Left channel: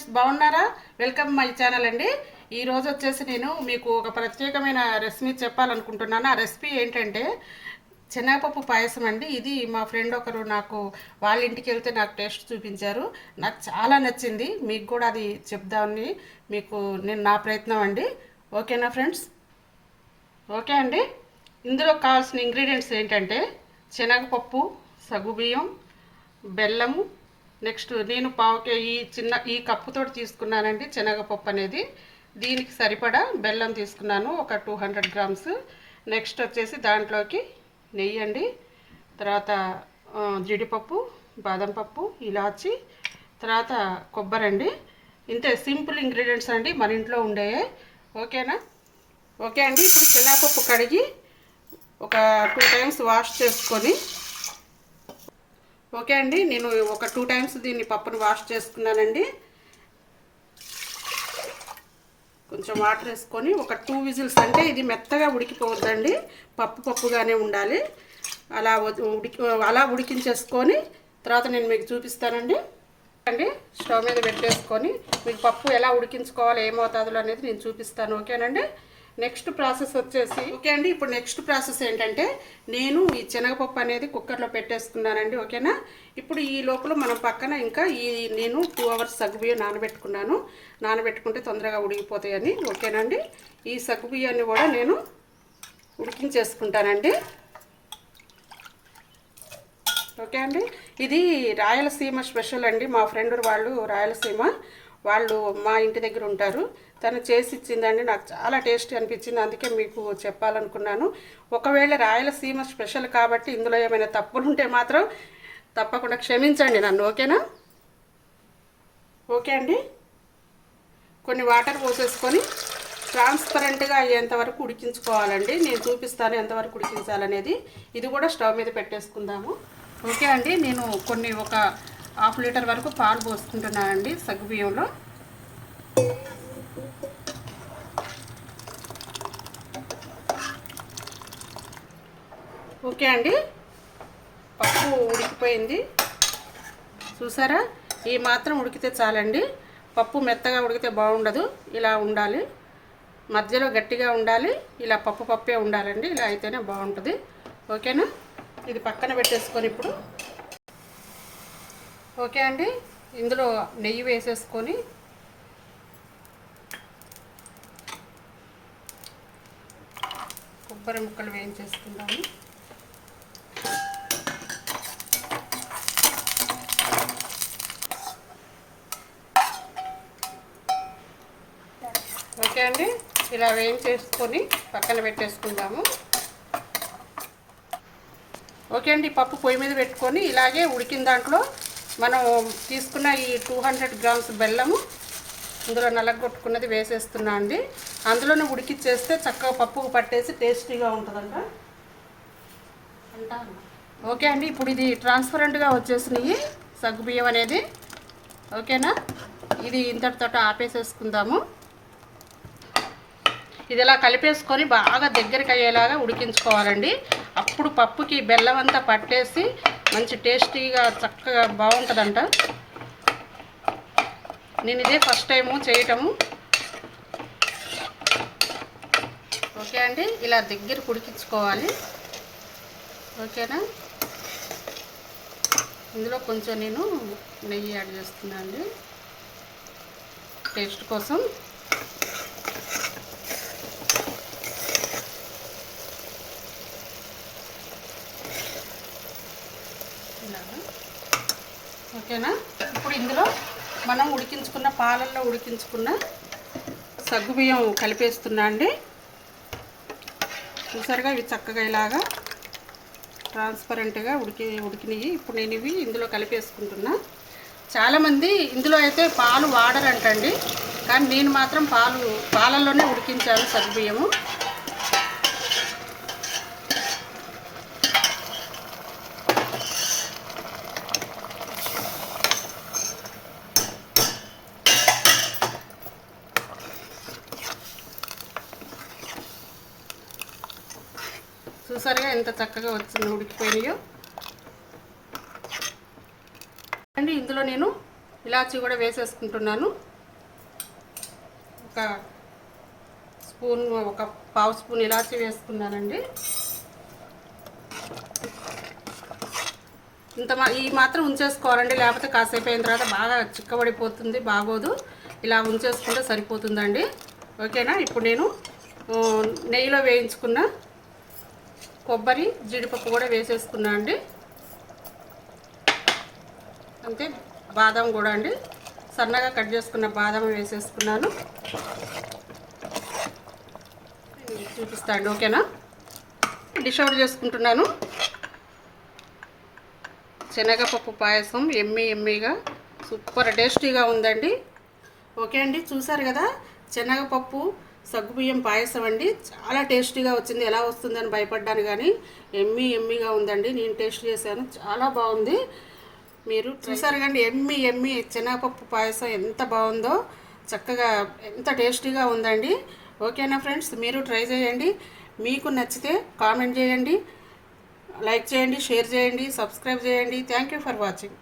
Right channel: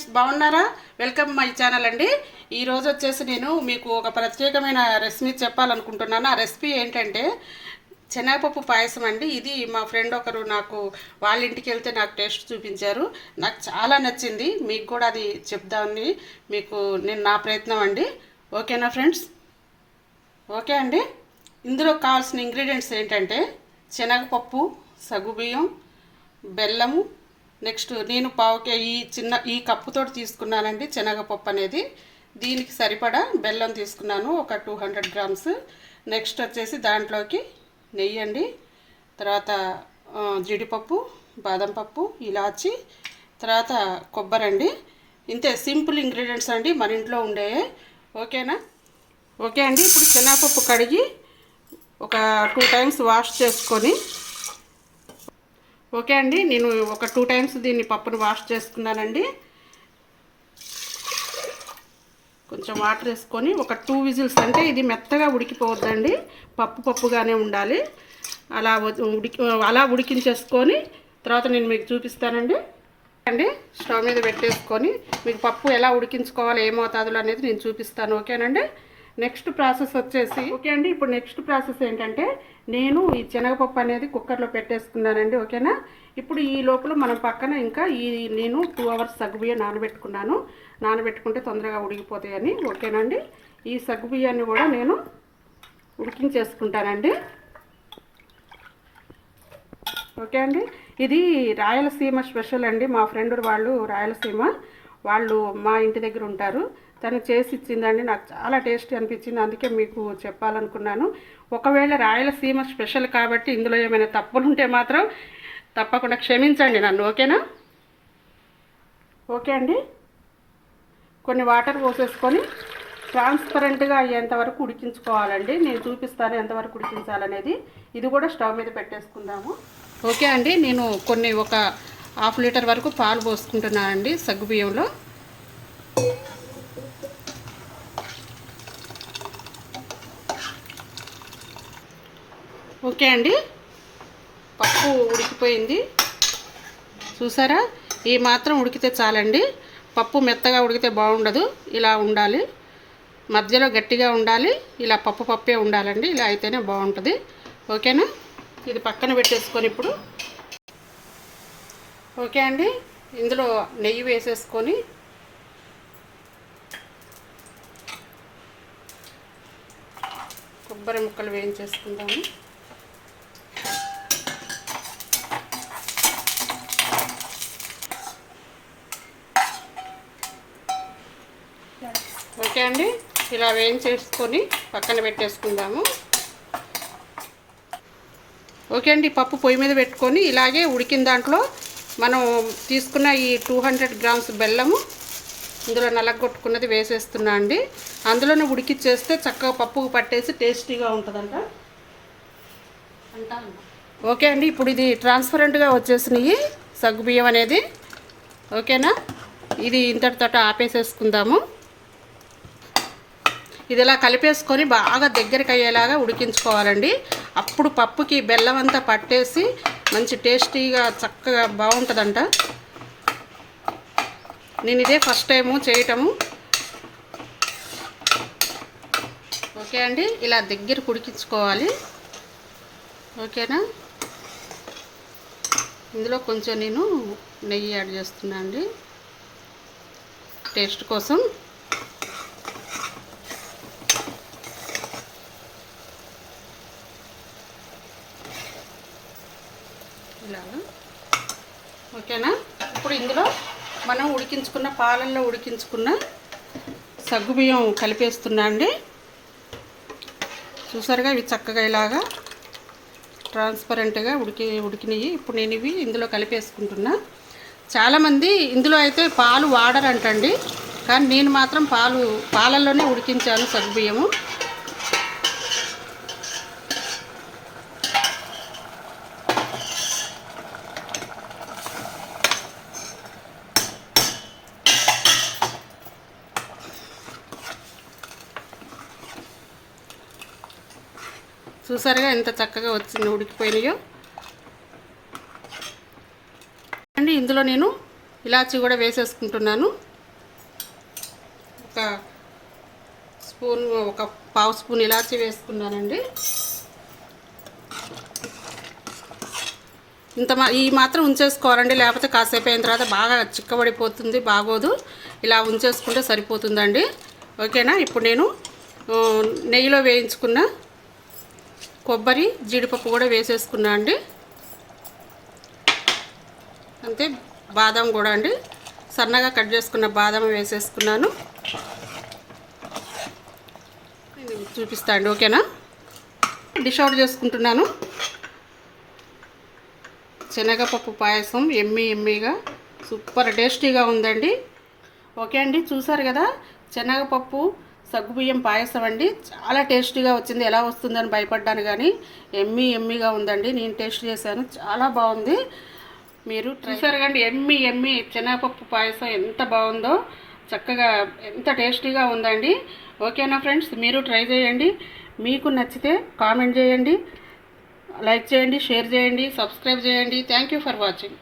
Friends బాగున్నారా? Welcome my channel అండి. ఈ రోజు వచ్చేసి నేను మీకు ఒక ప్రత్యేకమైన రెసిపీ చెప్పాలనుకుంటున్నాను. ఆ రెసిపీ ఏంటంటే శనగపప్పు పాయసం అండి. ఇది మా ఫ్రెండ్ ఒకరు నాకు వాళ్ళ ఇంటికి వెళ్తే నాకు టేస్ట్ చూపించారు. నాకు చాలా నచ్చింది. మీకు కూడా అది చెప్దామని మీకు నేను నా ప్రయత్నం అండి. ఓకేనా ఫ్రెండ్స్? ఓకే అండి. ఇందులో కావాల్సిన ఇంగ్రీడియంట్స్ ఏంటంటే శనగపప్పు సగుబియ్యం బెల్లము నెక్స్ట్ నేను పావుకే ఈ చిన్న ఈ కప్పుతో తీసుకున్నానండి శనగపప్పు అనేది. దీనికి సరిపడా బెల్లం తీసుకున్నాను ఒక టూ హండ్రెడ్ గ్రామ్స్. నెక్స్ట్ వచ్చేసి దాంట్లోకి నెయ్యి అండి తర్వాత జీడిపప్పు బాదం పప్పు ఇలాచి తర్వాత కొబ్బరి అండి. ఇంతే సింపుల్ ఇంగ్రీడియంట్స్ అండి మన ఇంట్లో ఉండే ఓకేనా? ఓకే అండి ఇప్పుడు శనగపప్పు కడిగి ఒక టూ టైమ్స్ వాష్ చేసుకొని ఓకే అండి నేను ఒక టూ టైమ్స్ దీన్ని పప్పును వాష్ చేసుకున్నానండి. కొంచెం వాటర్ వేసుకొని ఒక టూ విజిల్స్ అంటే ఇది మెత్తగా ఉడికిపోవద్దండి పప్పు పప్పుగానే ఉండాలి. అలా ఉడికి అలా ఉడికించేసుకొని తర్వాత నేను మీకు చూపిస్తానండి. అండి స్టవ్ మీద పెట్టేసుకొని మీకు పప్పు ఎలా ఉడికించుకోవాలి ఏ మోతాదులో అనేది నేను చూపిస్తాను ఓకేనండి? నెక్స్ట్ ప్రాసెస్ వచ్చేసి ఓకే అండి ఇప్పుడు నెక్స్ట్ ప్రాసెస్ ఏంటంటే నేను ఈ శనగపప్పు అనేది కుక్కర్లో పెట్టేసుకున్నానండి ఓకేనా? ఇప్పుడు ఈ లోపల మనం పక్కన ఇంకా ఈ నేను టూ అవర్స్ సగ్గుబియ్యం నానబెట్టుకున్నాను. నానబెట్టుకుంటే తొందరగా ఉడికిపోతాయని ఓకేనండి? ఈ సగ్గుబియ్యాన్ని కూడా నేను ఉడికించేసుకుంటానండి. ఓకే అండి? ఇది రాయలసీమ స్పెషల్ అండి మా ఫ్రెండ్ వాళ్ళు రాయలసీమ వాళ్ళు మా ఇంటి దగ్గర ఉంటారు. తను చేసి ఇచ్చిందండి. నాకు చాలా టేస్ట్ అనిపించింది. అందుకే మీకు చెప్పాలనుకున్నాను. ఒకవేళ రాయలసీమ స్పెషల్ కాబట్టి ఇందులో ఏమైనా తప్పులు ఉంటే మాత్రం తప్పకుండా క్షమించండి నన్ను. ఓకేనా? ఓకే అండి. కొన్ని వాటర్ పోసేసుకొని ట్రాన్స్పరెంట్గా అయ్యేంత వరకు ఉడికించుకోవాలండి. నేను చూపిస్తాను ఎంతవరకు ఉడికించాలనేది. ఇది కూడా స్టవ్ మీద పెట్టేసుకుందాము. ఓకే అండి. నేను కొన్ని ఒక హాఫ్ లీటర్ వరకు పాలు పోసుకుంటున్నానండి సగ్గుబియ్యంలో. ఓకే అండి. పప్పు ఉడికిపోయింది. చూసారా? ఈ మాత్రం ఉడికితే చాలండి. పప్పు మెత్తగా ఉడికితే బాగుండదు. ఇలా ఉండాలి. మధ్యలో గట్టిగా ఉండాలి. ఇలా పప్పు పప్పే ఉండాలండి. ఇలా అయితేనే బాగుంటుంది. ఓకేనా? ఇది పక్కన పెట్టేసుకొని ఇప్పుడు. ఓకే అండి. ఇందులో నెయ్యి వేసేసుకొని కొబ్బరి ముక్కలు వేయించేసుకుందాము ఓకే అండి ఇలా వేయించేసుకొని పక్కన పెట్టేసుకుందాము. ఓకే అండి పప్పు పొయ్యి మీద పెట్టుకొని ఇలాగే ఉడికిన దాంట్లో మనం తీసుకున్న ఈ టూ హండ్రెడ్ గ్రామ్స్ బెల్లము ఇందులో నలగొట్టుకున్నది వేసేస్తున్నా అండి. అందులోనే ఉడికిచ్చేస్తే చక్కగా పప్పుకు పట్టేసి టేస్టీగా ఉంటుందంట. ఓకే అండి ఇప్పుడు ఇది ట్రాన్స్పరెంట్గా వచ్చేసినాయి సగ్గుబియ్యం అనేది. ఓకేనా? ఇది ఇంతటితో ఆపేసేసుకుందాము. ఇది ఇలా కలిపేసుకొని బాగా దగ్గరికి అయ్యేలాగా ఉడికించుకోవాలండి. అప్పుడు పప్పుకి బెల్లం అంతా పట్టేసి మంచి టేస్టీగా చక్కగా బాగుంటుందంట. నేను ఇదే ఫస్ట్ టైము చేయటము. ఓకే అండి ఇలా దగ్గర ఉడికించుకోవాలి. ఓకేనా? ఇందులో కొంచెం నేను నెయ్యి యాడ్ చేస్తున్నా అండి టేస్ట్ కోసం ఇలా ఓకేనా? ఇప్పుడు ఇందులో మనం ఉడికించుకున్న పాలల్లో ఉడికించుకున్న సగ్గుబియ్యం కలిపేస్తున్నా అండి. చూసారుగా ఇవి చక్కగా ఇలాగా ట్రాన్స్పరెంట్గా ఉడికి ఉడికినాయి. ఇప్పుడు నేను ఇవి ఇందులో కలిపేసుకుంటున్నా. చాలామంది ఇందులో అయితే పాలు వాడరంటండి. కానీ నేను మాత్రం పాలు పాలల్లోనే ఉడికించాను సగ్గుబియ్యము చూసారుగా ఎంత చక్కగా వచ్చింది ఉడికిపోయినాయో. అండి ఇందులో నేను ఇలాచి కూడా వేసేసుకుంటున్నాను. ఒక స్పూన్ ఒక పావు స్పూన్ ఇలాచి వేసుకున్నానండి. ఇంత మా ఈ మాత్రం ఉంచేసుకోవాలండి లేకపోతే కాసేపు అయిన తర్వాత బాగా చిక్కబడిపోతుంది బాగోదు. ఇలా ఉంచేసుకుంటే సరిపోతుందండి. ఓకేనా? ఇప్పుడు నేను నెయ్యిలో వేయించుకున్న కొబ్బరి జీడిపప్పు కూడా వేసేసుకున్నా అండి. అంతే బాదం కూడా అండి. సన్నగా కట్ చేసుకున్న బాదం వేసేసుకున్నాను. చూపిస్తా అండి ఓకేనా? డిష్ అవుట్ చేసుకుంటున్నాను. శనగపప్పు పాయసం ఎమ్మి ఎమ్మిగా సూపర్ టేస్టీగా ఉందండి. ఓకే అండి చూసారు కదా? శనగపప్పు సగ్గుబియ్యం పాయసం అండి. చాలా టేస్టీగా వచ్చింది. ఎలా వస్తుందని భయపడ్డాను కానీ ఎమ్మి ఎమ్మిగా ఉందండి. నేను టేస్ట్ చేశాను. చాలా బాగుంది. మీరు చూసారు కండి ఎమ్మి ఎమ్మి శనగపప్పు పాయసం ఎంత బాగుందో. చక్కగా ఎంత టేస్టీగా ఉందండి. ఓకేనా ఫ్రెండ్స్? మీరు ట్రై చేయండి. మీకు నచ్చితే కామెంట్ చేయండి. లైక్ చేయండి షేర్ చేయండి సబ్స్క్రైబ్ చేయండి. Thank you for watching.